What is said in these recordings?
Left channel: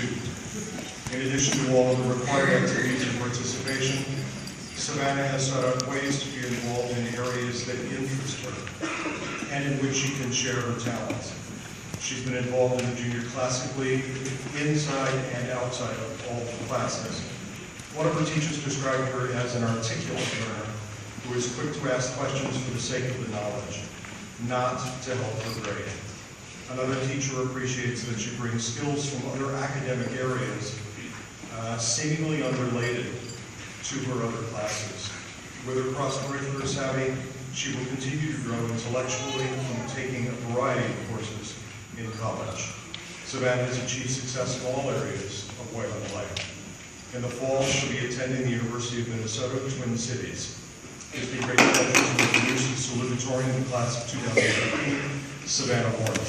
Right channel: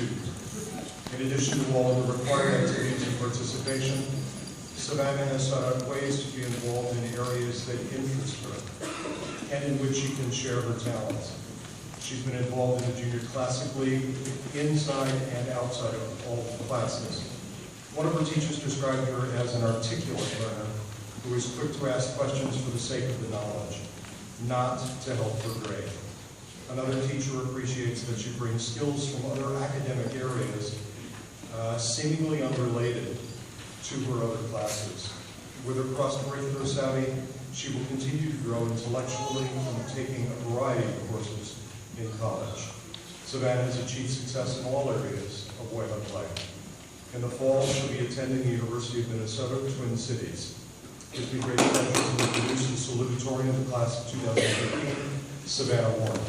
student. In addition to all of the required activities and participation, Savannah has sought out ways to be involved in areas that interest her and in which she can share her talents. She's been involved in the Junior Classic League, inside and outside of all the classes. One of her teachers described her as an articulate learner who is quick to ask questions for the sake of the knowledge, not to help her grade. Another teacher appreciates that she brings skills from other academic areas, seemingly unrelated to her other classes. With her cross-curricular savvy, she will continue to grow intellectually from taking a variety of courses in college. Savannah has achieved success in all areas of Wayland life. In the fall, she'll be attending the University of Minnesota Twin Cities. It's been great pleasure to introduce the Salutatorian in the class of 2013, Savannah Warren.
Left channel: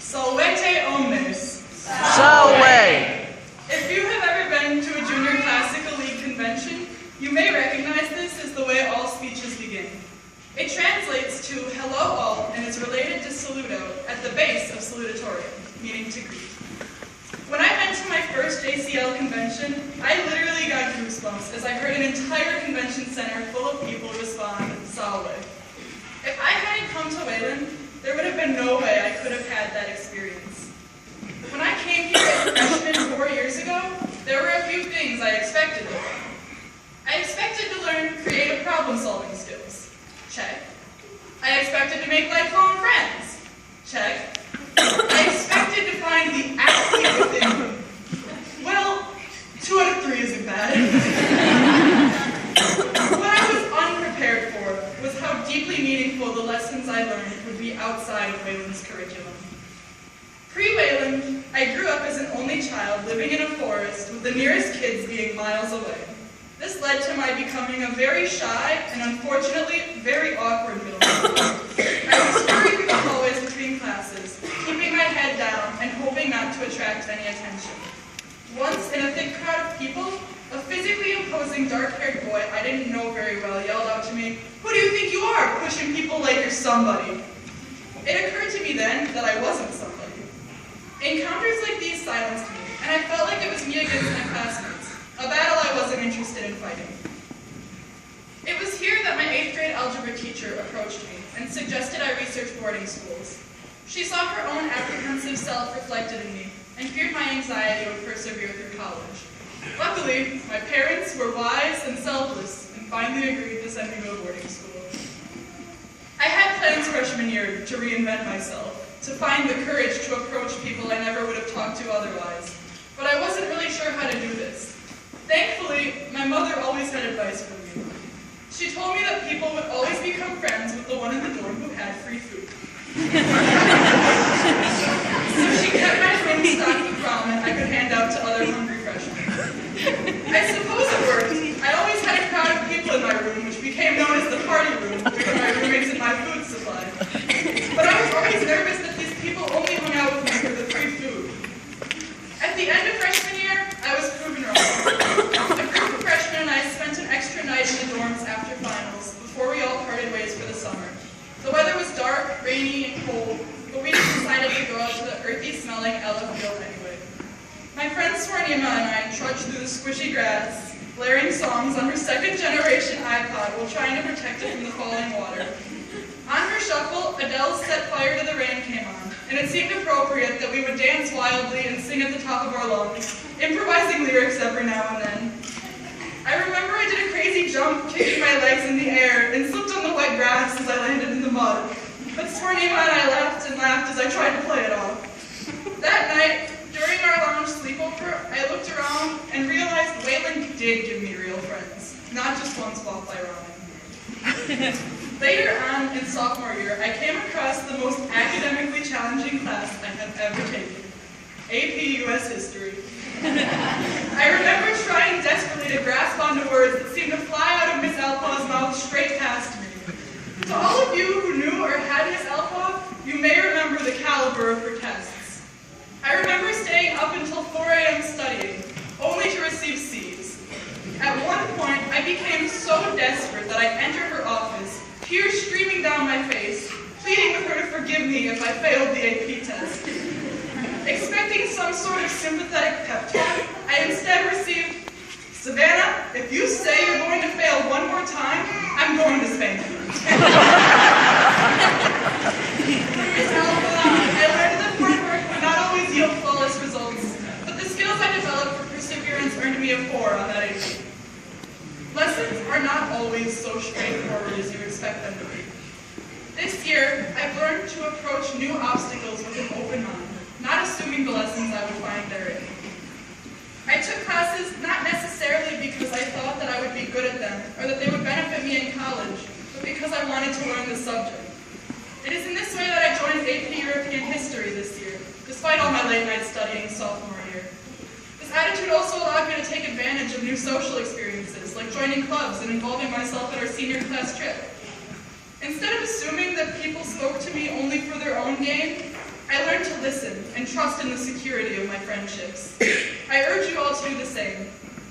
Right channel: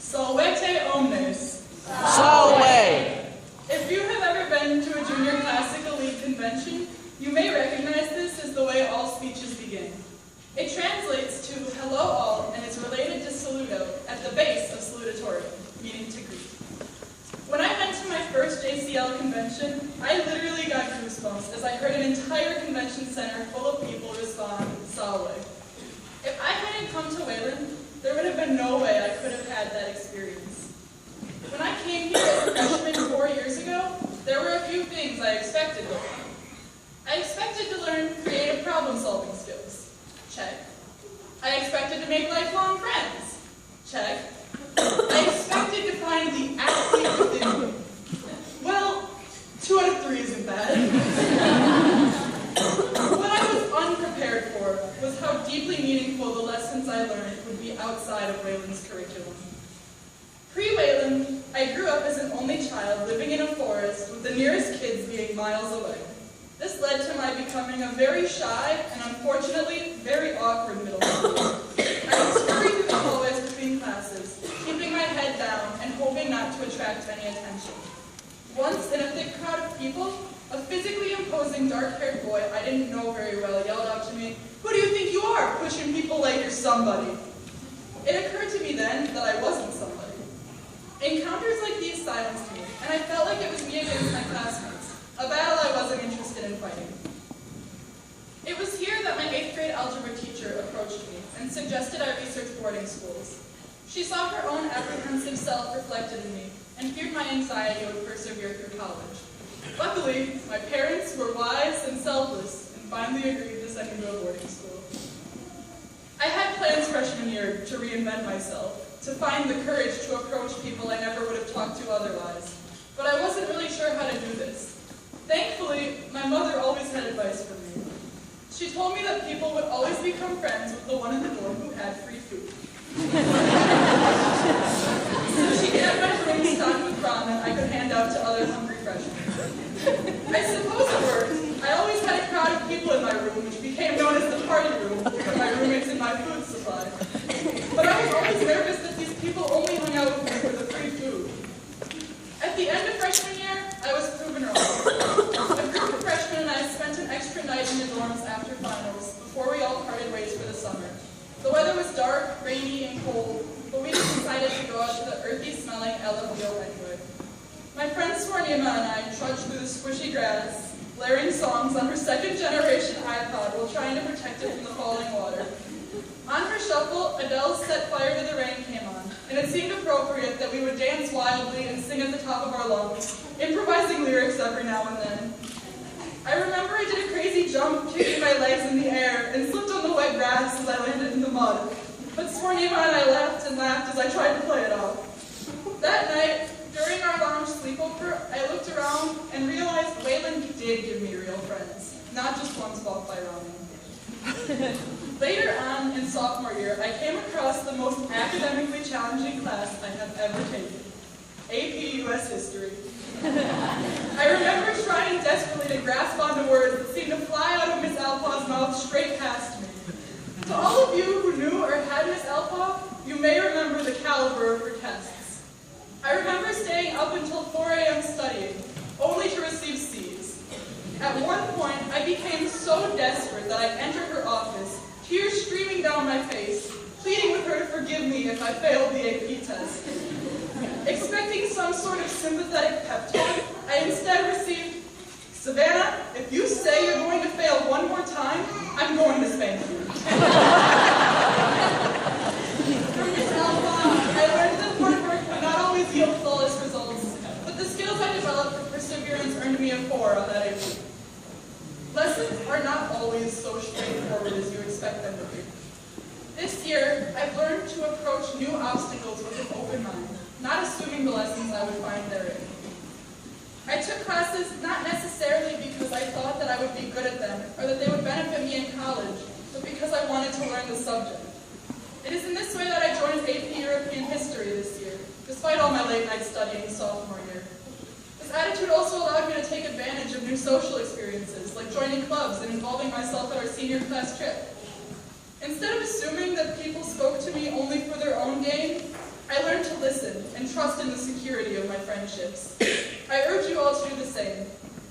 Solvete omnes. Solve. If you have ever been to a Junior Classical League convention, you may recognize this as the way all speeches begin. It translates to hello all and is related to saluto at the base of salutatorian, meaning to greet. When I went to my first JCL convention, I literally got goosebumps as I heard an entire convention center full of people respond, Salve. If I hadn't come to Wayland, there would have been no way I could have had that experience. When I came here as a freshman 4 years ago, there were a few things I expected to learn. I expected to learn creative problem-solving skills. Check. I expected to make lifelong friends. Check. I expected to find the athlete within me. Well, 2 out of 3 isn't bad. What I was unprepared for was how deeply meaningful the lessons I learned would be outside of Wayland's curriculum. Pre-Wayland, I grew up as an only child living in a forest with the nearest kids being miles away. This led to my becoming a very shy and unfortunately very awkward middle schooler. I would scurry through the hallways between classes, keeping my head down and hoping not to attract any attention. Once, in a thick crowd of people, a physically imposing dark-haired boy I didn't know very well yelled out to me, "Who do you think you are, pushing people like you're somebody?" It occurred to me then that I wasn't somebody. Encounters like these silenced me, and I felt like it was me against my classmates, a battle I wasn't interested in fighting. It was here that my 8th grade algebra teacher approached me and suggested I research boarding schools. She saw her own apprehensive self reflected in me and feared my anxiety would persevere through college. Luckily, my parents were wise and selfless and finally agreed to send me to a boarding school. I had plans freshman year to reinvent myself, to find the courage to approach people I never would have talked to otherwise, but I wasn't really sure how to do this. Thankfully, my mother always had advice for me. She told me that people would always become friends with the one in the dorm who had free food. So she kept my room stocked with ramen I could hand out to other hungry freshmen. I suppose it worked. I always had a crowd of people in my room, which became known as the party room, due to my roommates and my food supply. But I was always nervous that these people only hung out with me for the free food. At the end of freshman year, I was proven wrong. A group of freshmen and I spent an extra night in the dorms after finals, before we all parted ways for the summer. The weather was dark, rainy, and cold, but we just decided to go out to the earthy-smelling Ella field anyway. My friend Swarnima and I trudged through the squishy grass, blaring songs on her second-generation iPod while trying to protect it from the falling water. On her shuffle, Adele's Set Fire to the Rain came on, and it seemed appropriate that we would dance wildly and sing at the top of our lungs, improvising lyrics every now and then. I remember I did a crazy jump, kicking my legs in the air, and slipped on the wet grass as I landed in the mud. But Swarnima and I laughed and laughed as I tried to play it off. That night, during our lounge sleepover, I looked around and realized Wayland did give me real friends, not just ones bought by ramen. Later on, in sophomore year, I came across the most academically challenging class I have ever taken, AP US History. I remember trying desperately to grasp onto words so desperate that I entered her office, tears streaming down my face, pleading with her to forgive me if I failed the AP test. Expecting some sort of sympathetic pep talk, I instead received, "Savannah, if you say you're going to fail one more time, I'm going to spank you." From Miss Alpha, I learned that hard work would not always yield flawless results, but the skills I developed for perseverance earned me a 4 on that AP. Lessons are not always so straightforward as you expect them to be. This year, I've learned to approach new obstacles with an open mind, not assuming the lessons I would find therein. I took classes not necessarily because I thought that I would be good at them or that they would benefit me in college, but because I wanted to learn the subject. It is in this way that I joined AP European History this year, despite all my late night studying sophomore year. This attitude also allowed me to take advantage of new social experiences, like joining clubs and involving myself at our senior class trip. Instead of assuming that people spoke to me only for their own gain, I learned to listen and trust in the security of my friendships. I urge you all to do the same.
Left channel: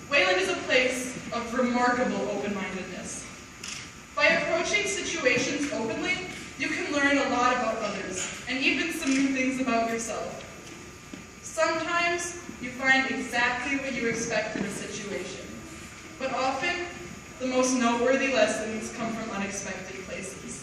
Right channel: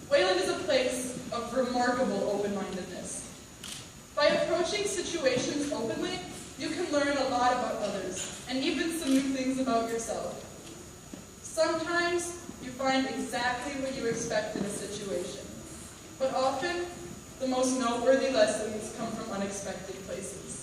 Wayland is a place of remarkable open-mindedness. By approaching situations openly, you can learn a lot about others, and even some new things about yourself. Sometimes you find exactly what you expect in a situation, but often the most noteworthy lessons come from unexpected places.